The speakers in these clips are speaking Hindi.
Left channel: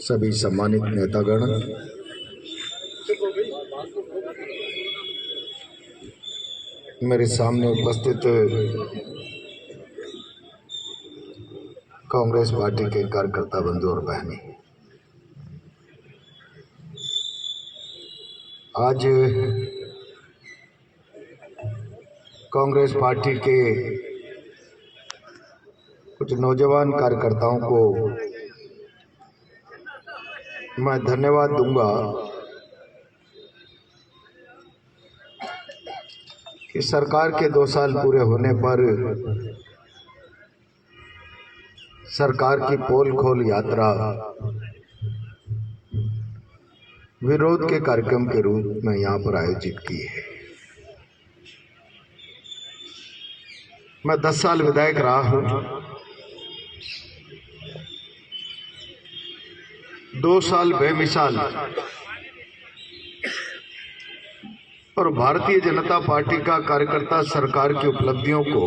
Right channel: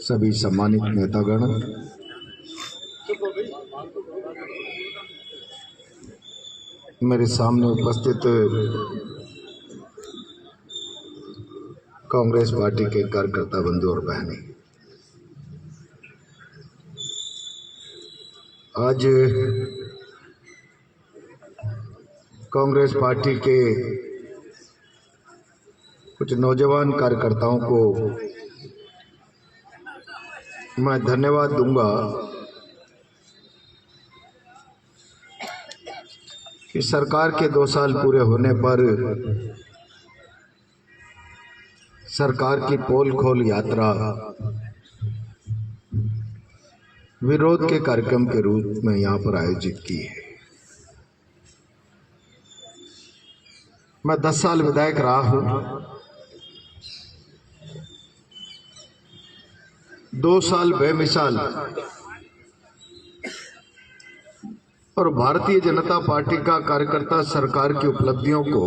सभी सम्मानित नेतागण, मेरे सामने उपस्थित कांग्रेस पार्टी के कार्यकर्ता बंधु और बहनें, आज कांग्रेस पार्टी के कुछ नौजवान कार्यकर्ताओं को मैं धन्यवाद दूंगा कि सरकार के 2 साल पूरे होने पर सरकार की पोल खोल यात्रा विरोध के कार्यक्रम के रूप में यहाँ पर आयोजित की है। मैं 10 साल विधायक रहा हूँ। 2 साल बेमिसाल और भारतीय जनता पार्टी का कार्यकर्ता सरकार की उपलब्धियों को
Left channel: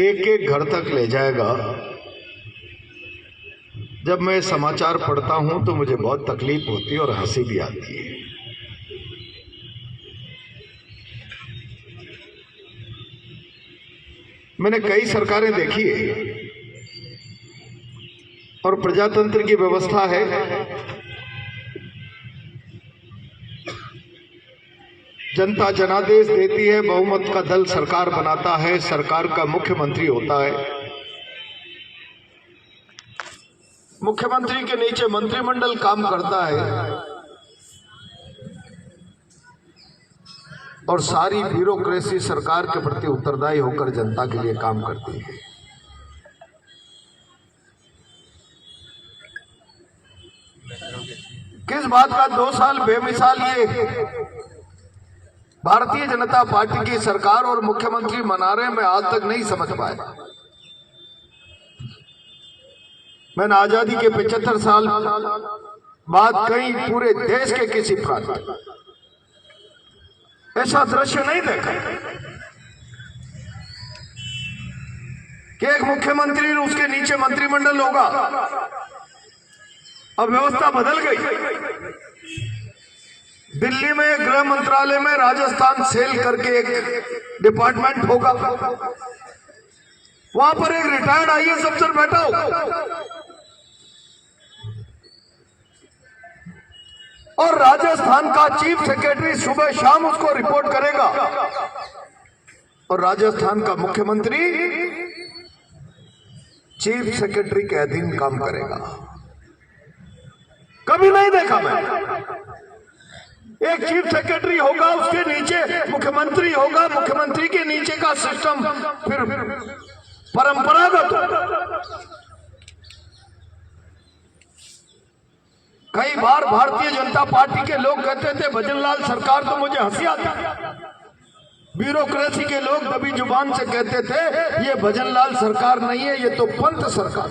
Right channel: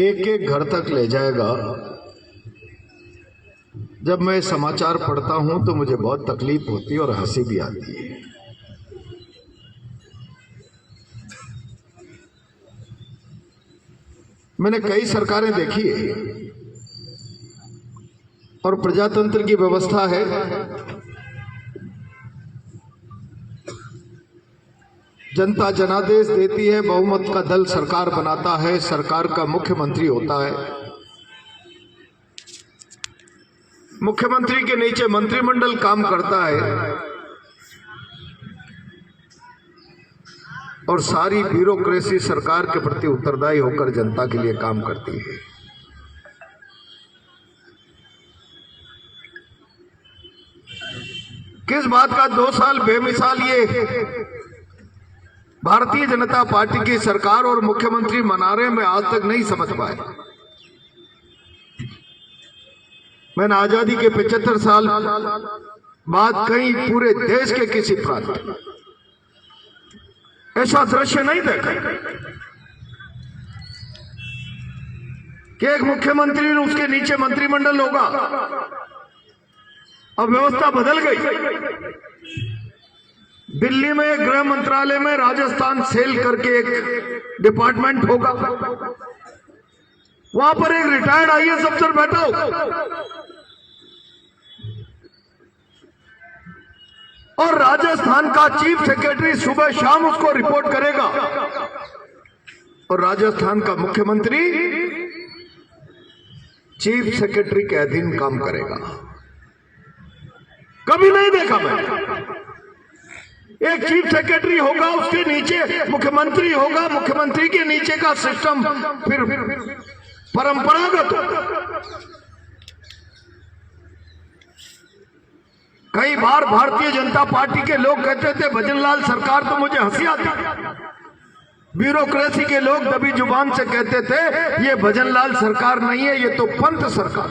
एक एक घर तक ले जाएगा। जब मैं समाचार पढ़ता हूं तो मुझे बहुत तकलीफ होती है और हंसी भी आती है। मैंने कई सरकारें देखी है और प्रजातंत्र की व्यवस्था है। जनता जनादेश देती है, बहुमत का दल सरकार बनाता है, सरकार का मुख्यमंत्री होता है, मुख्यमंत्री के नीचे मंत्रिमंडल काम करता है और सारी ब्यूरोक्रेसी सरकार के प्रति उत्तरदायी होकर जनता के लिए काम करती है। किस बात का 2 साल बेमिसाल ये भारतीय जनता पार्टी की सरकार और मुख्यमंत्री मना रहे, मैं आज तक नहीं समझ पाया। मैंने आजादी के 75 साल बाद कहीं पूरे देश के किसी प्रांत ऐसा दृश्य नहीं देखा कि एक मुख्यमंत्री और उसके नीचे मंत्रिमंडल होगा। अब व्यवस्था बदल गई। दिल्ली में गृह मंत्रालय में राजस्थान सेल करके एक डिपार्टमेंट होगा, वहां पर एक रिटायर्ड आईएएस अफसर बैठा होगा और राजस्थान का चीफ सेक्रेटरी सुबह शाम उसको रिपोर्ट करेगा और राजस्थान का मुख्यमंत्री चीफ सेक्रेटरी के अधीन काम करेगा। कभी नहीं देखा मैं। एक चीफ सेक्रेटरी होगा, उसके नीचे मुख्यमंत्री होगा, मुख्यमंत्री के नीचे का सिस्टम फिर परंपरागत होगा। कई बार भारतीय जनता पार्टी के लोग कहते थे भजनलाल सरकार, तो मुझे हंसी आती। ब्यूरोक्रेसी के लोग दबी जुबान से कहते थे ये भजनलाल सरकार नहीं है, ये तो पंत सरकार।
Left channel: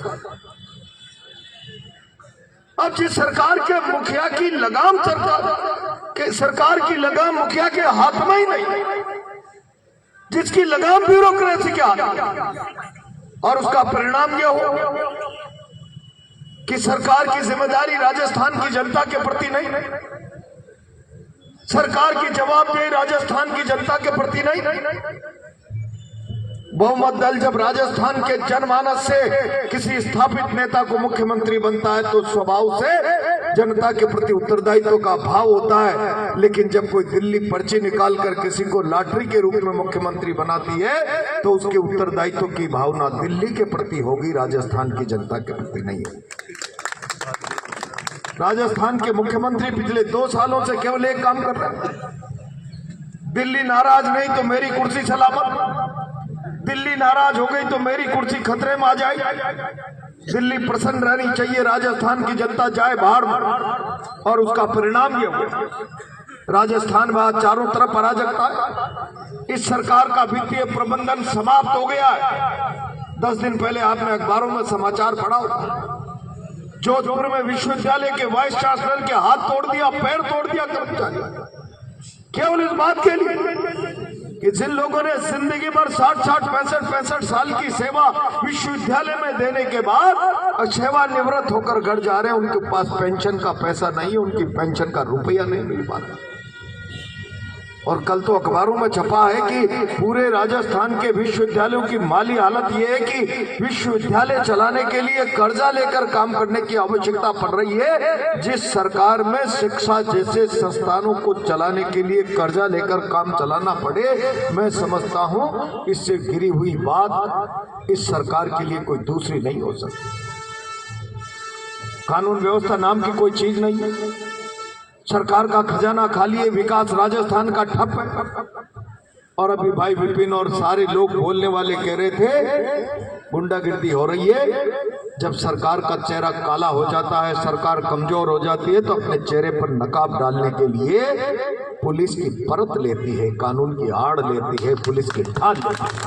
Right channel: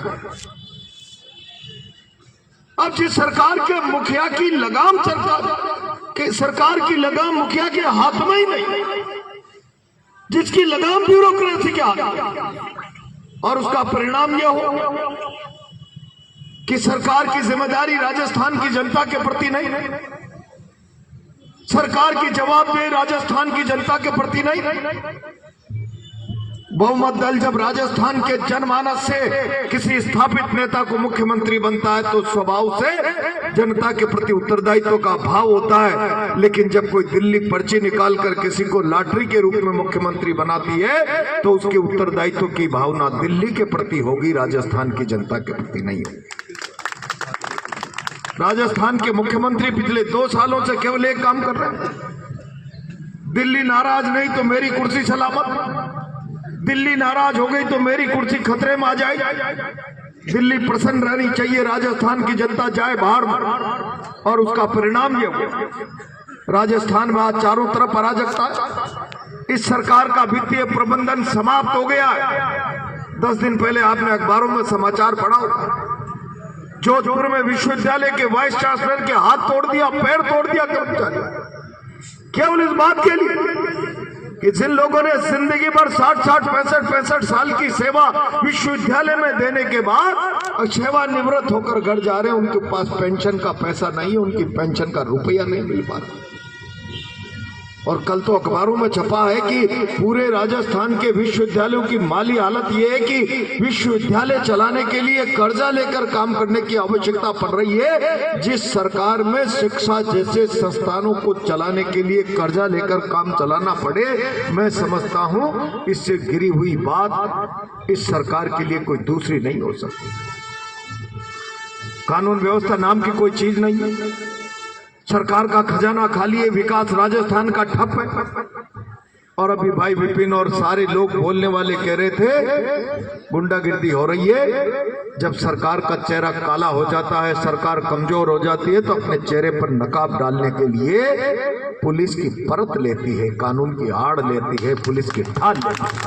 अब जिस सरकार के मुखिया की लगाम सरकार की लगाम मुखिया के हाथ में ही नहीं, जिसकी लगाम ब्यूरोक्रेसी के हाथ में, और उसका परिणाम यह हो कि सरकार की जिम्मेदारी राजस्थान की जनता के प्रति नहीं, सरकार की जवाबदेही राजस्थान की जनता के प्रति नहीं। बहुमत दल जब राजस्थान के जनमानस से किसी स्थापित नेता को मुख्यमंत्री बनता है तो स्वभाव से जनता के प्रति उत्तरदायित्व का भाव होता है। लेकिन जब कोई दिल्ली पर्ची निकालकर किसी को लॉटरी के रूप में मुख्यमंत्री बनाती है तो उसके उत्तरदायित्व की भावना दिल्ली के प्रति होगी, राजस्थान की जनता के प्रति नहीं होगी। राजस्थान के मुख्यमंत्री पिछले 2 सालों से केवल एक काम कर रहे हैं, दिल्ली नाराज नहीं तो मेरी कुर्सी सलामत, दिल्ली नाराज हो गई तो मेरी कुर्सी खतरे में आ जाएगी। दिल्ली प्रसन्न रहनी चाहिए, राजस्थान की जनता जाए बाहर में। और उसका परिणाम ये हुआ राजस्थान में आज चारों तरफ अराजकता है। इस सरकार का वित्तीय प्रबंधन समाप्त हो गया है। 10 दिन पहले आपने अखबारों में समाचार पढ़ा होगा, जोधपुर में विश्वविद्यालय के वाइस चांसलर के हाथ तोड़ दिया, पैर तोड़ दिया कर्मचारी, केवल इस बात के लिए कि जिन लोगों ने जिंदगी भर 60-60, 65-65 साल की सेवा विश्वविद्यालय में देने के बाद सेवानिवृत्त होकर घर जा रहे हैं, उनके पास पेंशन का पैसा नहीं है, उनकी पेंशन का रुपया नहीं मिल पाता। और कल तो अखबारों में छपा है कि पूरे राजस्थान के विश्वविद्यालयों की माली हालत यह है कि विश्वविद्यालय चलाने के लिए कर्जा लेकर काम करने की आवश्यकता पड़ रही है। जिस सरकार में शिक्षा जैसे संस्थानों को चलाने के लिए कर्जा लेकर काम चलाना पड़े, मैं समझता हूं इससे गिरी हुई बात इस सरकार के लिए कोई दूसरी नहीं हो सकती। कानून व्यवस्था नाम की कोई चीज नहीं है। सरकार का खजाना खाली है, विकास राजस्थान का ठप है। और अभी भाई विपिन और सारे लोग बोलने वाले कह रहे थे गुंडागिर्दी हो रही है। जब सरकार का चेहरा काला हो जाता है, सरकार कमजोर हो जाती है, तो अपने चेहरे पर नकाब डालने के लिए पुलिस की परत लेती है, कानून की आड़ लेती है, पुलिस की ढाल लेती है।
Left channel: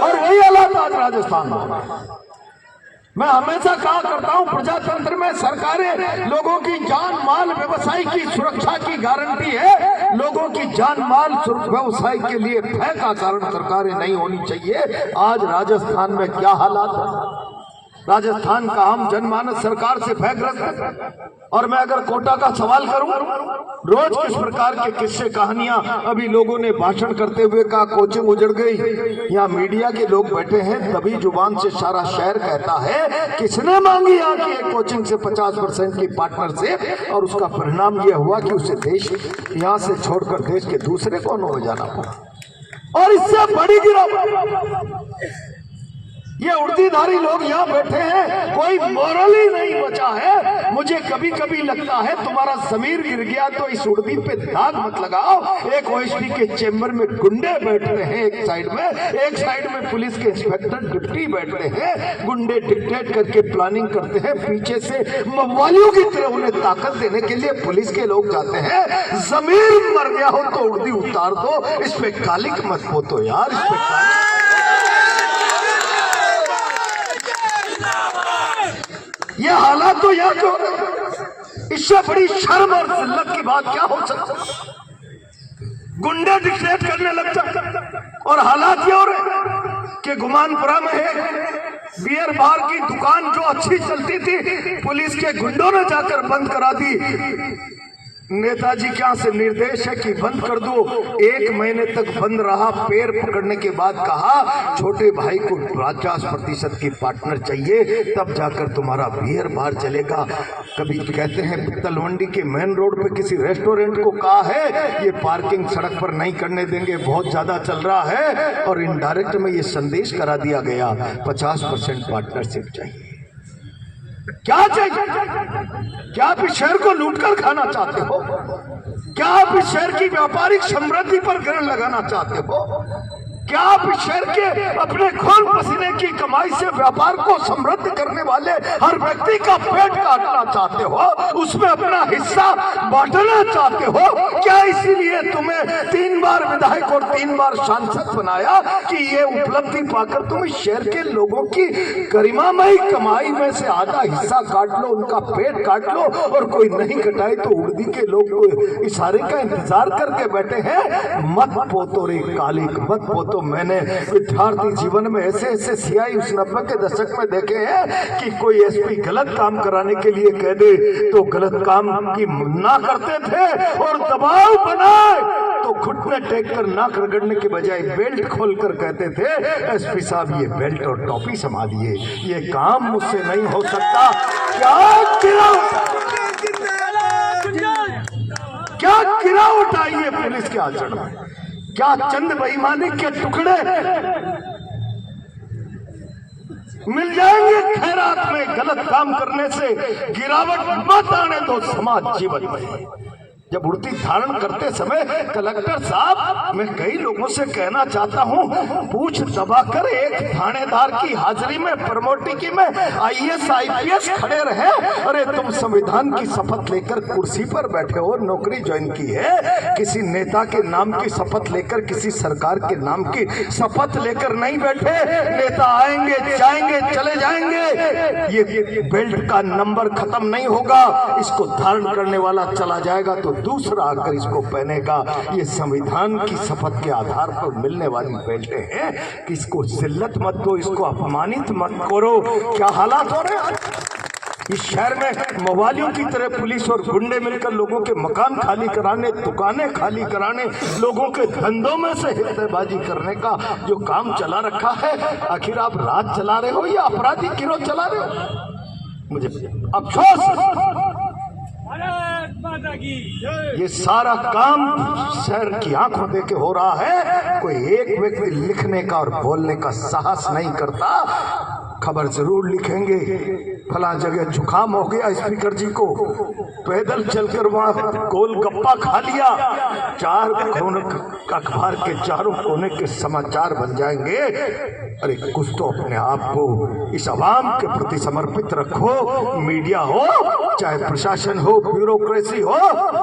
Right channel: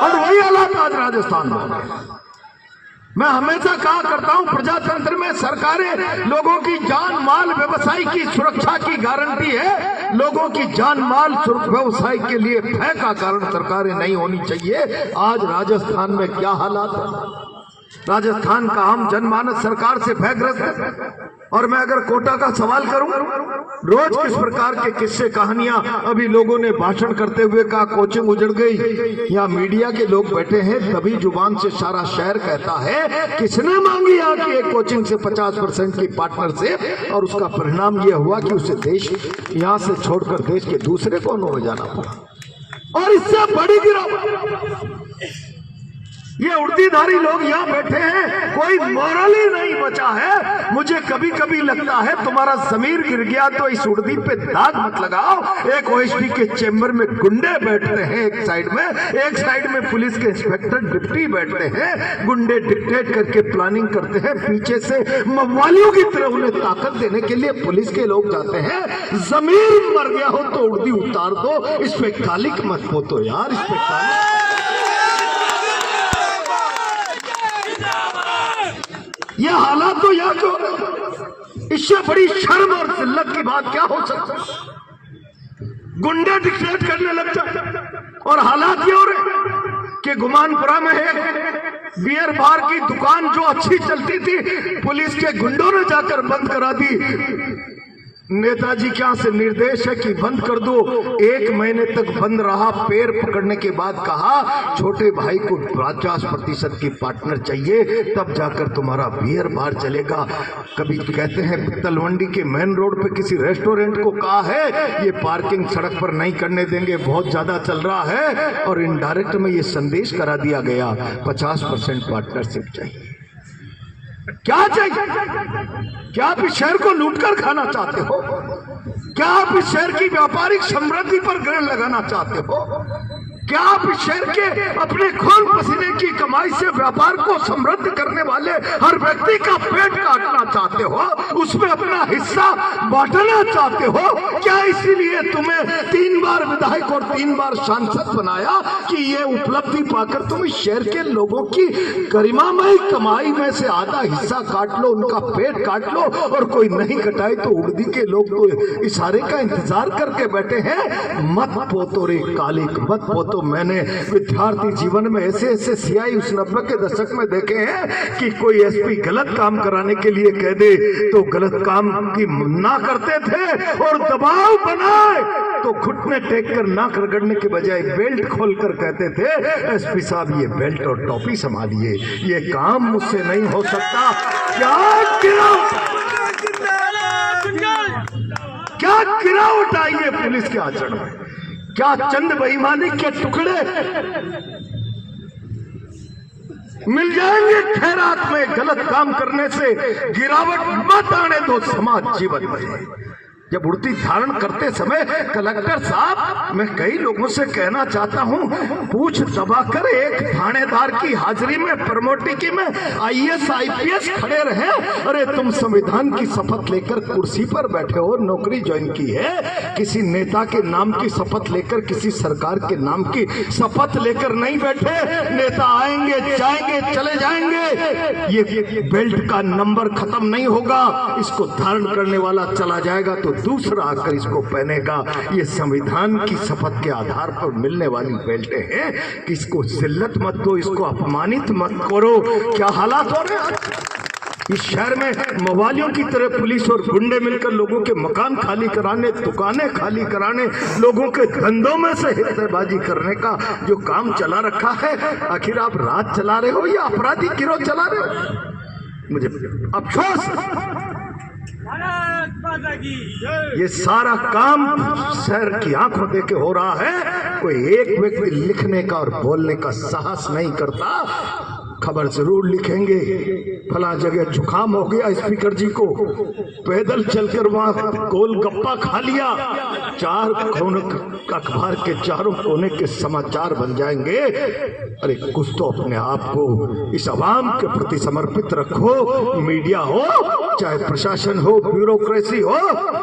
और वही हालात आज राजस्थान में। मैं हमेशा कहा करता हूं, प्रजातंत्र में सरकारें लोगों की जान माल व्यवसाय की सुरक्षा की गारंटी है। लोगों की जान माल व्यवसाय के लिए भय का कारण सरकारें नहीं होनी चाहिए। आज राजस्थान में क्या हालात है? राजस्थान का आम जनमानस सरकार से भयग्रस्त है। और मैं अगर कोटा का सवाल करूं, रोज किस प्रकार के किस्से कहानियां अभी लोगों ने भाषण करते हुए कहा कोचिंग उजड़ गई। यहाँ मीडिया के लोग बैठे हैं, तभी जुबान से सारा शहर कहता है किसने मांगी यहाँ की एक कोचिंग से 50% की पार्टनरशिप, और उसका परिणाम ये हुआ कि उसे देश यहाँ से छोड़कर देश के दूसरे कोनों में जाना पड़ा। और इससे बड़ी गिरावट, ये उर्दीधारी लोग यहाँ बैठे हैं, कोई मोरली नहीं बचा है। मुझे कभी कभी लगता है तुम्हारा जमीर गिर गया तो इस उर्दी पे दाग मत लगाओ। एक ओएसडी के चेंबर में गुंडे बैठते हैं एक साइड में पुलिस के इंस्पेक्टर डिप्टी बैठते हैं। गुंडे डिक्टेट करके प्लानिंग करते हैं, पीछे से मवालियों की तरह उन्हें ताकत देने के लिए पुलिस के लोग जाते हैं। जमीर मर गया हो तो उर्दी उतार दो, इस पे कालिक मत पोतो यार, इस पे कालिक। ये हालात तो यहाँ क्यों? इससे बड़ी शर्म और जिल्लत की बात क्या हो सकती? गुंडे डिक्टेट करने लग जाते। और हालात ये हो रहे कि गुमानपुरा में है बियर बार की दुकान जो अच्छी चलती थी, पुलिस के गुंडों ने जाकर बंद करा दी। नेताजी क्या से निर्देश है कि बंद कर दो। 1 महीने तक बंद रहा। पैर पकड़ने के बाद कहा छोटे भाई को 50% की पार्टनर चाहिए, तब जाकर तुम्हारा बियर बार चलेगा। कभी कहते हैं तलवंडी के मेन रोड पे किसी रेस्टोरेंट को कहा है ये पार्किंग सड़क पर नहीं करने देंगे, बहुत ज्यादा चल रहा है। और इनडायरेक्ट में ये संदेश करा दिया गया 50% पार्टनरशिप चाहिए। क्या चाहिए? क्या आप इस शहर को लूटकर खाना चाहते हो? क्या आप इस शहर की व्यापारिक समृद्धि पर ग्रहण लगाना चाहते हो? क्या आप इस शहर के अपने खून पसीने की कमाई से व्यापार को समृद्ध करने वाले हर व्यक्ति का पेट काटना चाहते हो, उसमें अपना हिस्सा बांटना चाहते हो? क्या इसीलिए तुम्हें 3 बार विधायक और 3 बार सांसद बनाया कि ये उपलब्धि पाकर तुम इस शहर के लोगों की गरिमामयी कमाई में से आधा हिस्सा काट लो, उनका पेट काट लो, और कोई नहीं कटाए तो उर्दी के लोग तो इशारे का इंतजार करके बैठे हैं? मत पोतो रे कालिक, मत पोतो। तो मैंने विद्यार्थी जीवन में ऐसे सियाई उस 90 के दशक में देखे हैं कि कोई एसपी गलत काम कराने के लिए कह दे तो गलत काम की ना करते थे, और दबाव बनाए तो घुटने टेक कर नाक रगड़ने के बजाय बेल्ट खोलकर कहते थे एसपी साहब ये बेल्ट और टोपी संभालिए, ये काम मुझसे नहीं हो सकता। क्या गिरावट आई है पुलिस के आचरण में? क्या चंद बेईमानी के टुकड़े मिल जाएंगे खैरात में? गलत काम करने से गिरावट मत आने दो समाज जीवन में। जब उड़ती धारण करते समय कलेक्टर साहब, मैं कई लोगों से कहना चाहता हूं, पूछ दबाकर एक थानेदार की हाजिरी में प्रमोटिकी में IAS IPS खड़े रहे। अरे तुम संविधान की शपथ लेकर कुर्सी पर बैठे हो, नौकरी ज्वाइन की है, किसी नेता के नाम की शपथ लेकर, किसी सरकार के नाम की शपथ लेकर नहीं बैठे। नेता आएंगे जाएंगे चले जाएंगे, ये बेल्ट का नंबर खत्म नहीं होगा। इसको धारण करने वाला चला जाएगा तो दूसरा आकर इसको पहनेगा। ये संविधान की शपथ के आधार पर मिलने वाली बेल्टें हैं कि इसको जिल्लत मत दो, इसको अपमानित मत करो। क्या हालात हो रहे हैं इस शहर में, मवालियों की तरह पुलिस और गुंडे मिलकर लोगों के मकान खाली कराने, दुकानें खाली कराने, लोगों के धंधों में से हिस्सेबाजी करने का जो काम चला रखा है। आखिर आप राज चला रहे हो या अपराधी गिरोह चला रहे हो? मुझे अफसोस, ये सारा काम शहर की आंखों देके हो रहा है। कोई एक व्यक्ति लिखने का और बोलने का साहस नहीं करता। खबर जरूर लिखेंगे, फला जगह जुकाम हो गया स्पीकर जी को, पैदल चलकर वहां गोलगप्पा खा लिया। चार कोने अखबार के चारों कोने के समाचार बन जाएंगे। अरे कुछ तो अपने आप को इस आवाम के प्रति समर्पित रखो। मीडिया हो चाहे प्रशासन हो, ब्यूरोक्रेसी हो,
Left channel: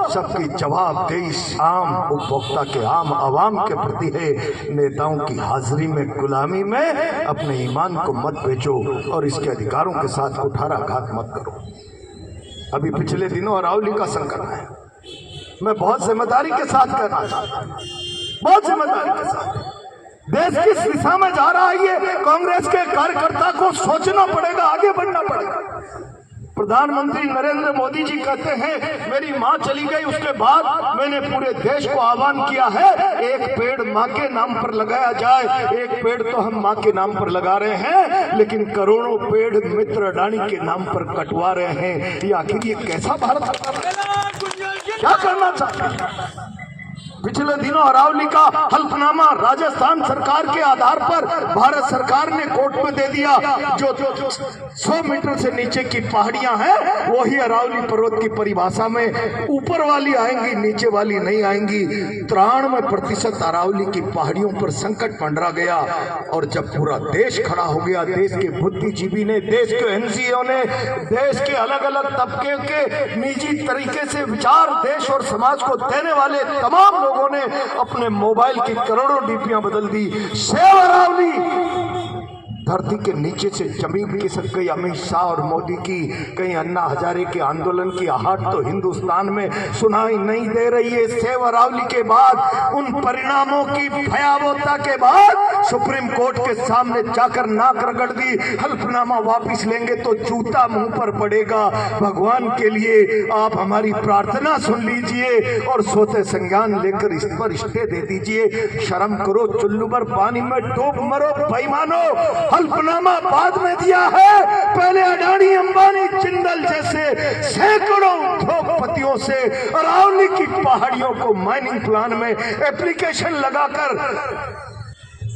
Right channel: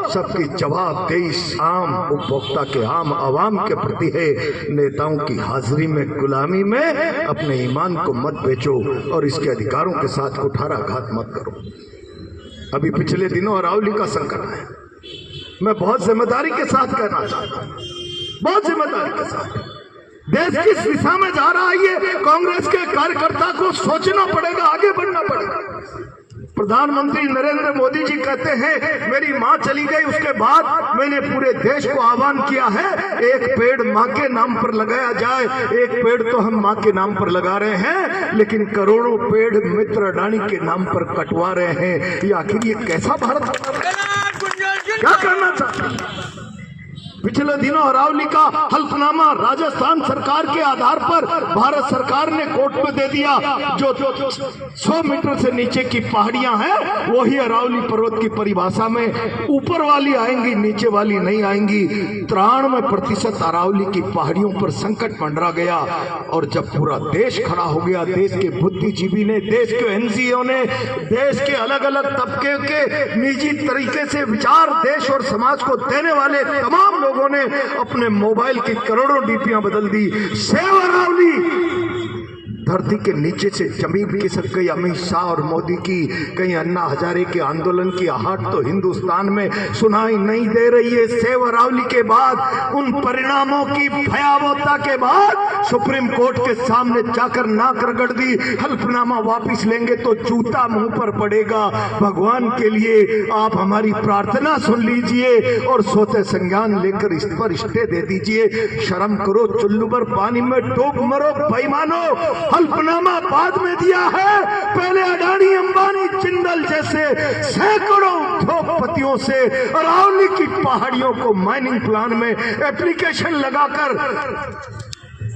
सबकी जवाबदेही आम उपभोक्ता के, आम आवाम के प्रति है। नेताओं की हाजिरी में, गुलामी में अपने ईमान को मत बेचो और इसके अधिकारों के साथ कुठाराघात मत करो। अभी पिछले दिनों अरावली का संकट है। मैं बहुत जिम्मेदारी के साथ कहना चाहता हूं, बहुत जिम्मेदारी के साथ। देश किस दिशा में जा रहा है ये कांग्रेस के कार्यकर्ता को सोचना पड़ेगा, आगे बढ़ना पड़ेगा। प्रधानमंत्री नरेंद्र मोदी जी कहते हैं मेरी मां चली गई, उसके बाद मैंने पूरे देश को आह्वान किया है एक पेड़ मां के नाम पर लगाया जाए। एक पेड़ तो हम मां के नाम पर लगा रहे हैं, लेकिन करोड़ों पेड़ मित्र अडानी के नाम पर कटवा रहे हैं। ये आखिर ये कैसा भारत, क्या करना चाहते हैं? पिछले दिनों अरावली का हल्फनामा राजस्थान सरकार के आधार पर भारत सरकार ने कोर्ट में दे दिया। जो 100 मीटर से नीचे की पहाड़ियां हैं वही अरावली पर्वत की परिभाषा में ऊपर वाली आएंगी, नीचे वाली नहीं आएंगी। 93% अरावली की पहाड़ियों पर संकट मंडरा गया। और जब पूरा देश खड़ा हो गया, देश के बुद्धिजीवी ने, देश के एनजीओ ने, देश के अलग अलग तबके के निजी तरीके से विचार देश और समाज को देने वाले तमाम लोगों ने अपने मोबाइल की करोड़ों डीपियां बदल दी। सेव अरावली, धरती के नीचे से जमीन खिसक गई। अमित शाह और मोदी की, कहीं अन्ना हजारे के आंदोलन की आहट तो हिंदुस्तान में सुनाई नहीं दे रही है। सेव अरावली के बाद, उन परिणामों की भयावहता के बाद सुप्रीम कोर्ट के सामने जाकर नाक रगड़ दी। हल्फनामा वापिस लेंगे तो जूता मुंह पर पड़ेगा। भगवान के लिए आप हमारी प्रार्थना सुन लीजिए और सोते संज्ञान लेकर इस पर स्टे दे दीजिए। शर्म करो, चुल्लू पर पानी में डूब मरो बेईमानो। हल्फनामा बाद में दिया है, पहले अडानी, अंबानी, जिंदल जैसे सैकड़ों उद्योगपतियों से अरावली की पहाड़ियों को माइनिंग प्लान में एप्लीकेशन लगाकर,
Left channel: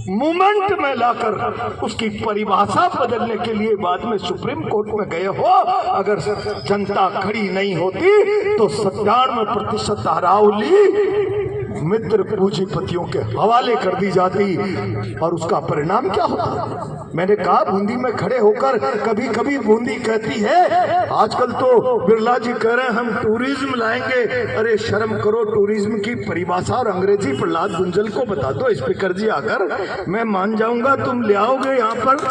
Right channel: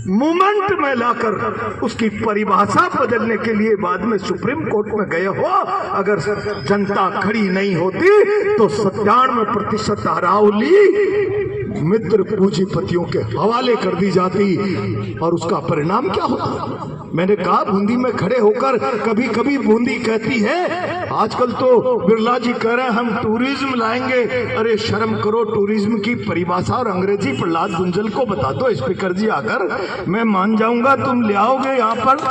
मूवमेंट में लाकर उसकी परिभाषा बदलने के लिए बाद में सुप्रीम कोर्ट में गए हो। अगर जनता खड़ी नहीं होती तो 97% अरावली मित्र पूंजीपतियों के हवाले कर दी जाती। और उसका परिणाम क्या होता? मैंने कहा बूंदी में खड़े होकर, कभी कभी बूंदी कहती है, आजकल तो बिरला जी कह रहे हैं हम टूरिज्म लाएंगे। अरे शर्म करो, टूरिज्म की परिभाषा और अंग्रेजी प्रहलाद गुंजल को बता दो स्पीकर जी आकर, मैं मान जाऊंगा तुम ले आओगे यहाँ पर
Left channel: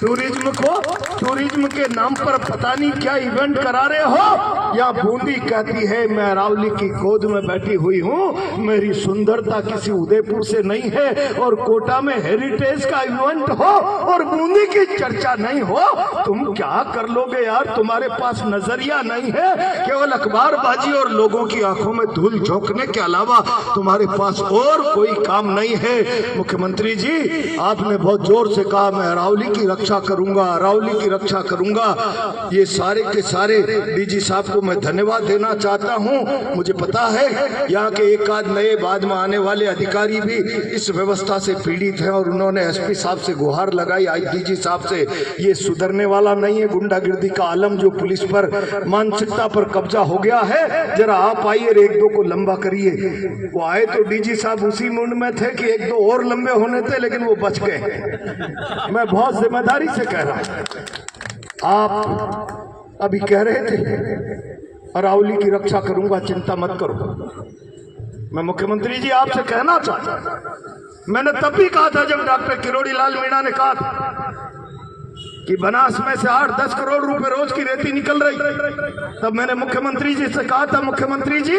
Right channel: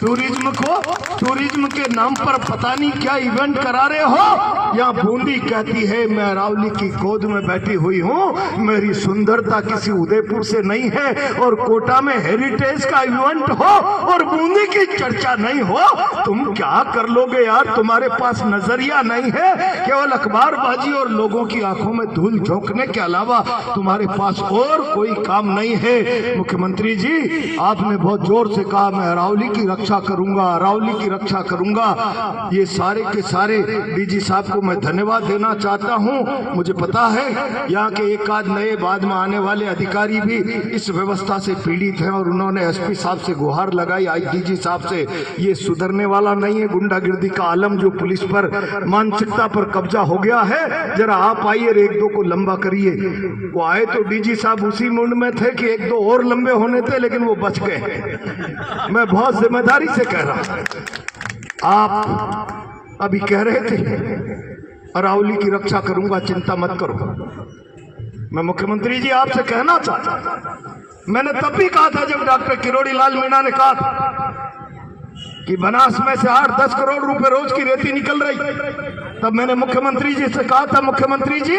टूरिज्म को। टूरिज्म के नाम पर पता नहीं क्या इवेंट करा रहे हो। यहाँ बूंदी कहती है मैं अरावली की गोद में बैठी हुई हूँ, मेरी सुंदरता किसी उदयपुर से नहीं है। और कोटा में हेरिटेज का इवेंट हो और बूंदी की चर्चा नहीं हो, तुम क्या कर लोगे यार? तुम्हारे पास नजरिया नहीं है, केवल अखबारबाजी और लोगों की आंखों में धूल झोंकने के अलावा तुम्हारे पास और कोई काम नहीं है। मुख्यमंत्री जी, आपने बहुत जोर से कहा मैं अरावली की रक्षा करूंगा, अरावली की रक्षा करूंगा। ये सारे के सारे डीजी साहब को मैं धन्यवाद देना चाहता हूं। मुझे पता है यहाँ के एक आध नए बाद में आने वाले अधिकारी भी इस व्यवस्था से पीड़ित हैं और उन्होंने एसपी साहब से गुहार लगाई, आईजीजी साहब से। ये सुधरने वाला नहीं है। गुंडागिर्दी का आलम जो पुलिस पर, मानसिकता पर कब्जा हो गया है, जरा आप आइए और एक दो को लंबा करिए। वो आए तो डीजी साहब उसी मुंड में थे कि एक दो और लंबे होने थे, लेकिन वो बच गए। मैं बहुत जिम्मेदारी से कह रहा हूं। आप अभी कह रहे थे अरावली की रक्षा करूंगा, चिंता मत करो। मैं मुख्यमंत्री जी आपसे कहना चाहता हूं, मैंने तब भी कहा था जब डॉक्टर किरोड़ी लाल मीणा ने कहा था कि बनास में से 8-10 करोड़ रुपए रोज की रेती निकल रही। तब मैंने मुख्यमंत्री जी से कहा था, मुख्यमंत्री जी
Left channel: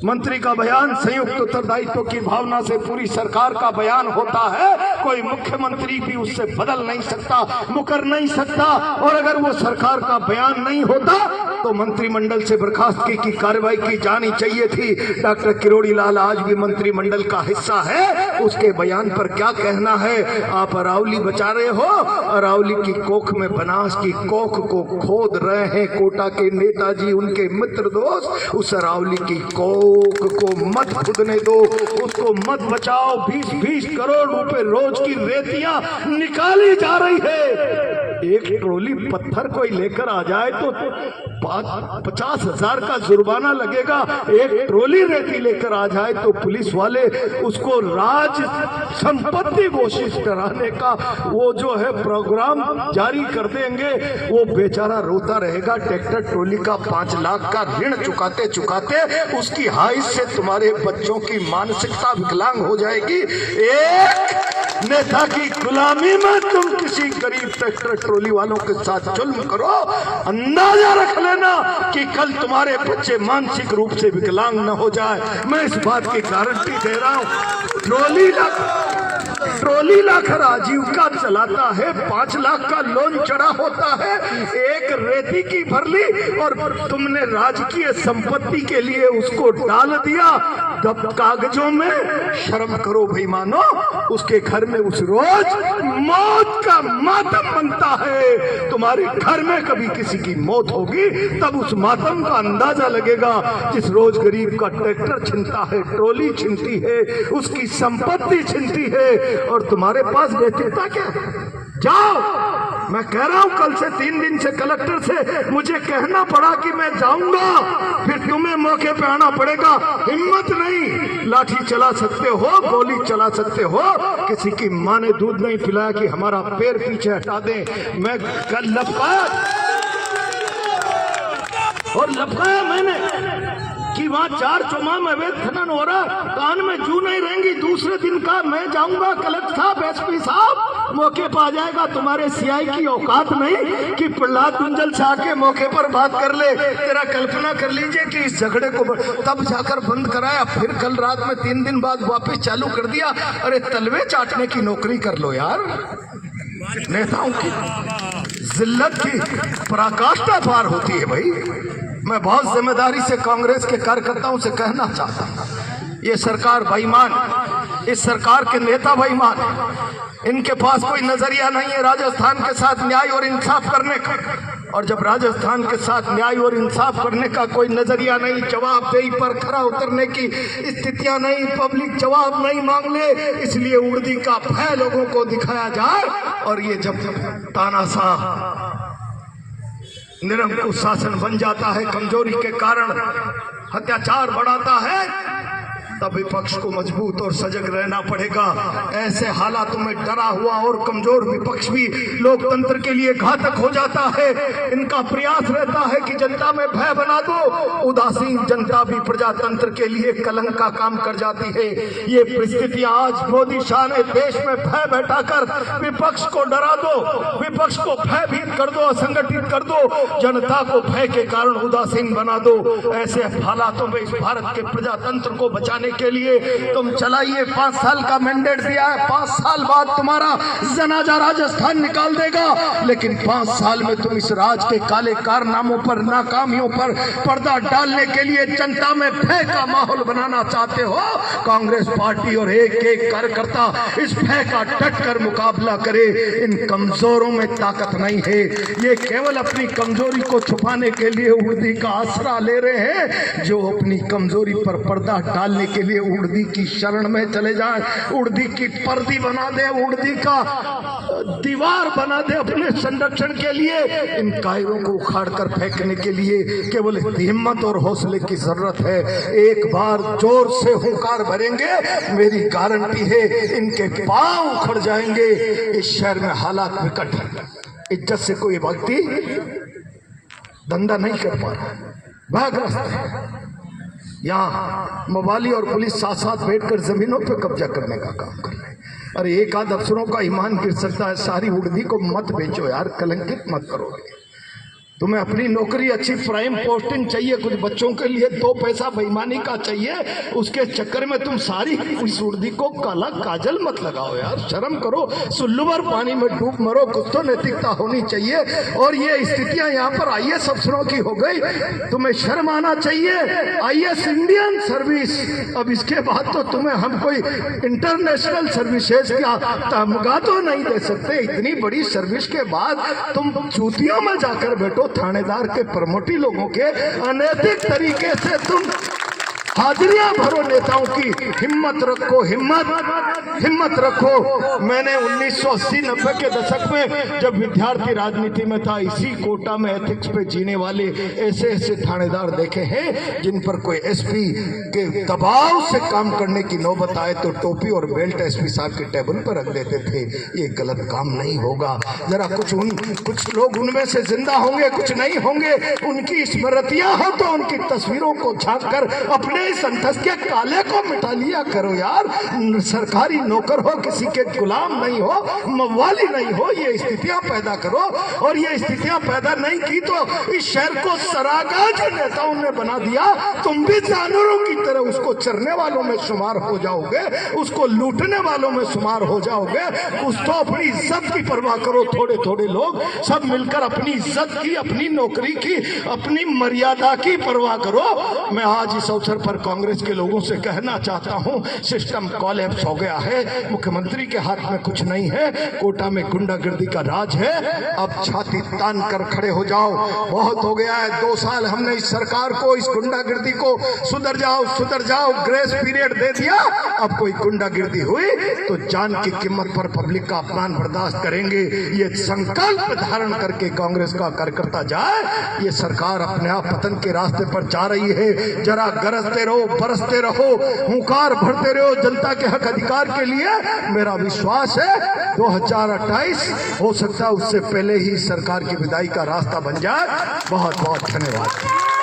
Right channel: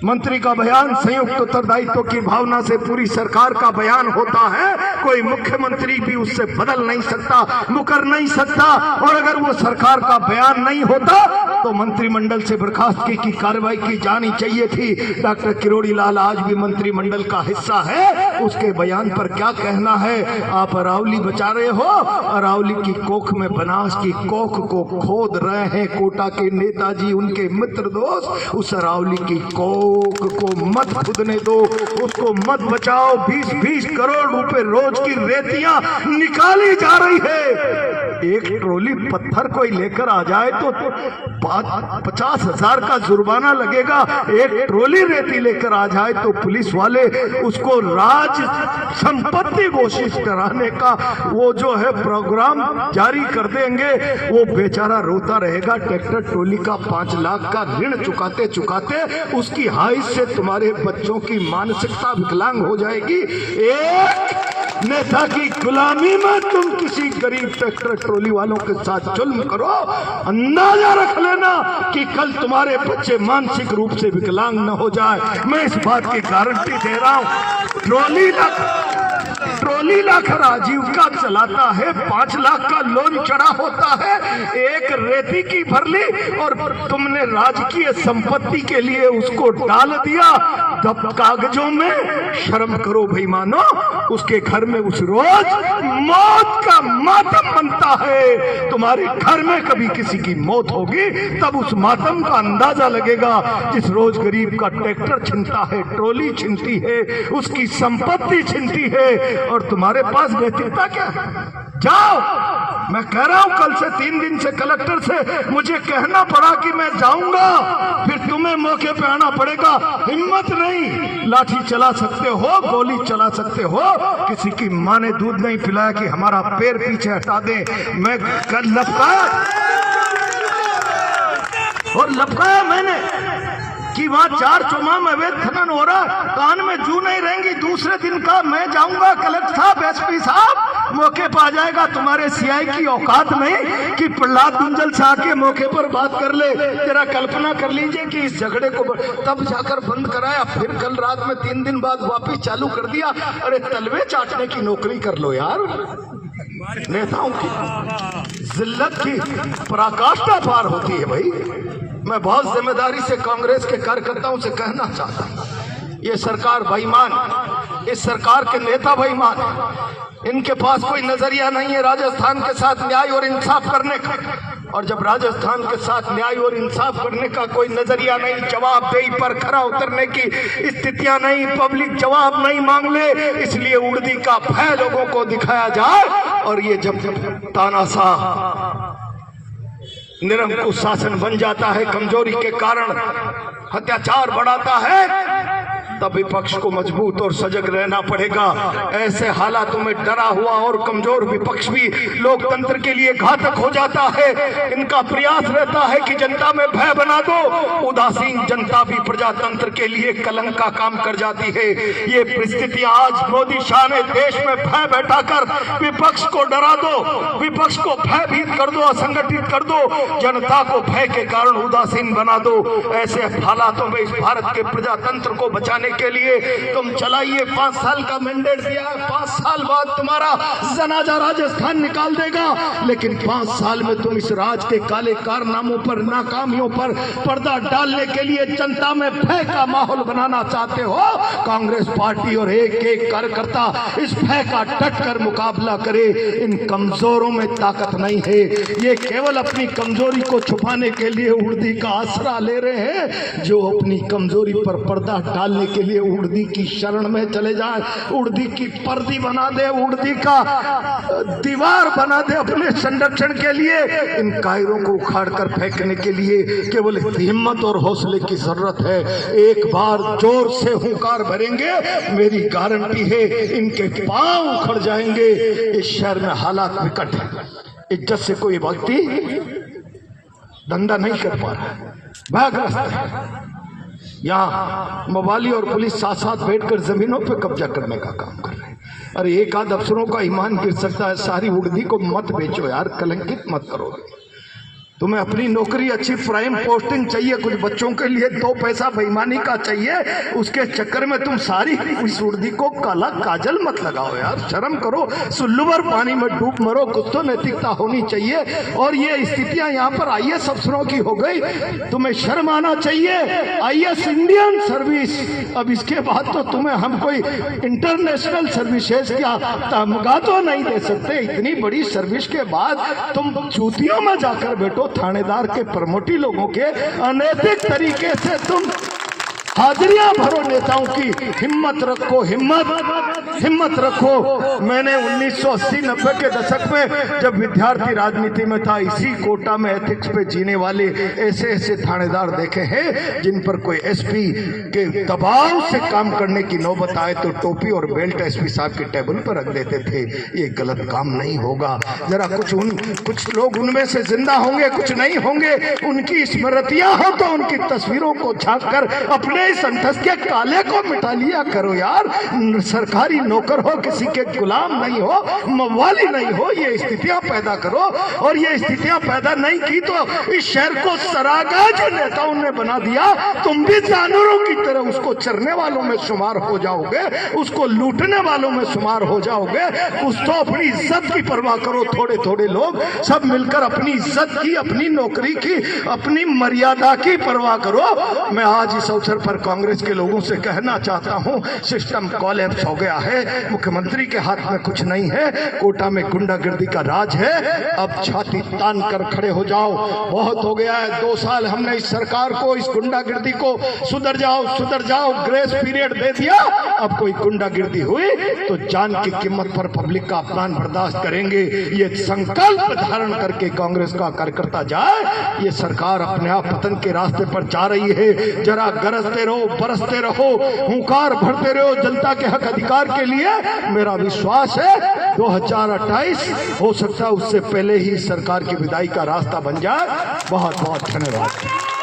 मंत्री का बयान संयुक्त उत्तरदायित्व की भावना से पूरी सरकार का बयान होता है, कोई मुख्यमंत्री भी उससे बदल नहीं सकता, मुकर नहीं सकता। और अगर वो सरकार का बयान नहीं होता तो मंत्रिमंडल से बर्खास्तगी की कार्रवाई की जानी चाहिए थी। डॉक्टर किरोड़ी लाल आज भी मंत्रिमंडल का हिस्सा है, उसके बयान पर क्या कहना है? आप अरावली बचा रहे हो, अरावली की कोख में बनास की कोख को खोद रहे हैं कोटा के नेताजी, उनके मित्र दोस्त। उस अरावली की कोख को मत खुदने दो, उसको मत बचाओ। 20-20 करोड़ रुपए रोज की रेतियां निकाली जा रही है। एक ट्रॉली पत्थर कोई लेकर आ जाए तो 50,000 का जुर्माना लगेगा। एक ट्रॉली रेती लेकर आ जाए तो पुलिस वाले उसको राज संपत्ति घोषित कराने का वो जो है प्रोग्राम जारी कर देंगे। वो बेचारा रोता रहेगा। ट्रैक्टर ट्रॉली का 5 लाख का ऋण चुकाते चुकाते उसकी हाइट से तुम्हारे बच्चों की मानसिकता विकलांग हो जाएगी। एक नेता की गुलामी में तुम किसी गरीब ट्रैक्टर ट्रॉली वालों के साथ जुल्म करो, अंदाजा रख लेना कि कल तुम्हारे बच्चे मानसिक रूप से विकलांग न हो जाए। मैं इस बात की गारंटी दे रहा हूं। ट्रॉली लाकर आजीविका चलाता है, 5 लाख का लोन चढ़ा होता है, एक रेती की भर ली और तुमने राजकीय संपत्ति के लिए उसको डाल दिया दब कागजों में। शर्म करो भाई मानो। उसके घर में उस रोज मौत का मातम बनता है। तुम्हारे घर में कभी किसी की मौत होगी तब उस मातम का अंदाजा लगेगा। जिस रोज गरीब का ट्रैक्टर छिनता है, ट्रॉली छिनती है, उसकी संपत्ति छिनती है, और तुम्हारे पास नैतिकता क्या है? जाओ। मैं कह रहा हूं कल से 3 दिन से कलेक्टर से मुझे कहना पड़ा कि मैं जाऊंगा, फिर तुम्हें मौके पे आना पड़ेगा। हिम्मत नहीं, लाठी चला सकते हो, गोली चला सकते हो, किसी की माँ ने दूध नहीं पिलाया कि हमारा पैर पीछे हटा दे। मैं कल लपकाया मैंने कि वहाँ 4 चौमाह में अवैध खनन हो रहा, कान में जू नहीं रहेंगी। दूसरे दिन का मैं जाऊंगा, कलेक्टर साहब, एसपी साहब मौके पर आ जाएगा। तुम्हारे सीआई की औकात नहीं कि प्रहलाद गुंजल से आके मौके पर बात कर ले। तेरा कल्पना कर लीजिए कि इस झगड़े को तब जाकर बंद कराया, फिर कल रात में 3 दिन बाद वापस चालू कर दिया। अरे तलवे चाटने की नौकरी कर लो यार। नेताओं की जिल्लत की पराकाष्ठा पार होती है भाई। मैं बहुत जिम्मेदारी से कांग्रेस के कार्यकर्ताओं से कहना चाहता हूं, ये सरकार बेईमान, इस सरकार के नेता बेईमान, इनके पास कोई नजरिया नहीं है राजस्थान के साथ न्याय और इंसाफ करने का। और जब राजस्थान के साथ न्याय और इंसाफ करने का कोई नजरिया नहीं, जवाबदेही पर खरा उतरने की स्थितियां नहीं, पब्लिक जवाब नहीं मांग ले, इसलिए उड़दी का भय लोगों को दिखाया जाए। और ये जब तानाशाह निरंकुश शासन बन जाता है, कमजोरी के कारण अत्याचार बढ़ाता है, तब विपक्ष को मजबूत और सजग रहना पड़ेगा। ऐसे हालातों में डरा हुआ और कमजोर विपक्ष भी लोकतंत्र के लिए घातक हो जाता है। इनका प्रयास रहता है कि जनता में भय बना दो। उदासीन जनता भी प्रजातंत्र के लिए कलंक का काम कर जाती है। ये परिस्थितियां आज मोदी शाह ने देश में भय बैठाकर विपक्ष को डरा दो, विपक्ष को भयभीत कर दो, असंगठित कर दो, जनता को भय के कारण उदासीन बना दो। ऐसे हालातों में इस भारत के प्रजातंत्र को बचाने के लिए तुम चलाइए। 5 साल का मैंडेट दिया है, 5 साल बाद तुम्हारा जनाजा राजस्थान निकाल देगा, लेकिन 5 साल में तुम इस राज के काले कारनामों पर, नाकामियों पर पर्दा डालने के लिए जनता में भय का माहौल बनाना चाहते हो। कांग्रेस पार्टी और एक एक कार्यकर्ता इस भय का डट कर मुकाबला करे। इन कमजोरों में ताकत नहीं है, ये केवल अपनी कमजोरी को छुपाने के लिए उड़दी का आसरा ले रहे हैं। जो अपनी कमजोरी पर पर्दा डालने के लिए उड़दी की शरण में चले जाए, उड़दी की पर्दी बना दे, उड़दी का दीवार बना दे अपने संरक्षण के लिए, इन कायरों को उखाड़ कर फेंकने के लिए केवल हिम्मत और हौसले की जरूरत है। एक बार जोर से हुंकार भरेंगे, मेरी गारंटी है इनके पांव उखड़ जाएंगे। इस शहर में हालात विकट है, इज्जत से कोई व्यक्ति धंधा नहीं कर पा रहा, भयग्रस्त है। यहाँ मोबाली और पुलिस साथ साथ बैठकर जमीनों पर कब्जा करने का काम कर रहे हैं। अरे एक आध अफसरों का ईमान गिर सकता है, सारी उड़दी को मत बेचो यार, कलंकित मत करोगे। तुम्हें अपनी नौकरी अच्छी प्राइम पोस्टिंग चाहिए, कुछ बच्चों के लिए 2 पैसा बेईमानी का चाहिए, उसके चक्कर में तुम सारी इस उड़दी को काला काजल मत लगाओ यार, शर्म करो, सुल्लूभर पानी में डूब मरो, कुछ तो नैतिकता होनी चाहिए। और ये स्थितियां यहाँ पर IAS अफसरों की हो गई, तुम्हें शर्म आना चाहिए। IAS इंडियन सर्विस, अब इसके बाद तो तुम्हें हम कोई इंटरनेशनल सर्विसेज का तमगा तो नहीं दे सकते। इतनी बड़ी सर्विस के बाद तुम जूतियों में जाकर बैठो, थानेदार के प्रमोटी लोगों के अनैतिक तरीके से तुम हाजिरियां भरो नेताओं की। हिम्मत रखो, हिम्मत रखो। मैंने 1980-90 के दशक में जब विद्यार्थी राजनीति में था, इसी कोटा में एथिक्स पे जीने वाले ऐसे थानेदार देखे हैं जिन पर कोई SP के दबाव से काम करने की नौबत आए तो टोपी और बेल्ट SP साहब के टेबल पर रख देते थे। ये गलत काम नहीं होगा। जरा कुछ लोग उनमें से जिंदा होंगे, कुछ नहीं होंगे। उनकी स्मृतियां हो तो उनकी तस्वीरों को झांक कर अपने संतस के काले को मिटा लिया करो यार। सरकारी नौकर हो, किसी के गुलाम नहीं हो, मवाली नहीं हो, ये स्थितियां पैदा करो। और ये स्थितियां पैदा नहीं की तो इस शहर को सरागा जो नेताओं ने बना दिया, तुम भी जानवरों की तरह उसको चरने वालों में शुमार हो जाओगे, उसको लूटने वालों में शुमार हो जाओगे। कुछ तो अपनी इज्जत की परवाह करो। थोड़े लोग सब मिलकर अपनी इज्जत की, अपनी नौकरी की, अपनी मर्यादा की परवाह करो। मैं आज इस अवसर पर कांग्रेस के लोगों से कहना चाहता हूं, सिस्टम कोलैप्स हो गया है। मुख्यमंत्री के हाथ में कुछ नहीं है, कोटा में गुंडागर्दी का राज है। अब छाती तान कर खड़े हो जाओ, बहुत हो गया है। 2 साल हमने इस सरकार को, इस गुंडागर्दी को सुधर जाओ ग्रेस पीरियड दे दिया। अब कोई गुंडागर्दी हुई तो जान की कीमत पर पब्लिक का अपमान बर्दाश्त करेंगे। ये संकल्प धारण करके कांग्रेस का कार्यकर्ता जाए। ये सरकार अपने आप पतन के रास्ते पर जा रही है। जरा गरजते रहो, बरसते रहो, हुंकार भरते रहो जनता के हक अधिकार के लिए। मेरा विश्वास है 2028 हो सकता है उससे पहले ही सरकार की विदाई का रास्ता बन जाए। बहुत बहुत धन्यवाद।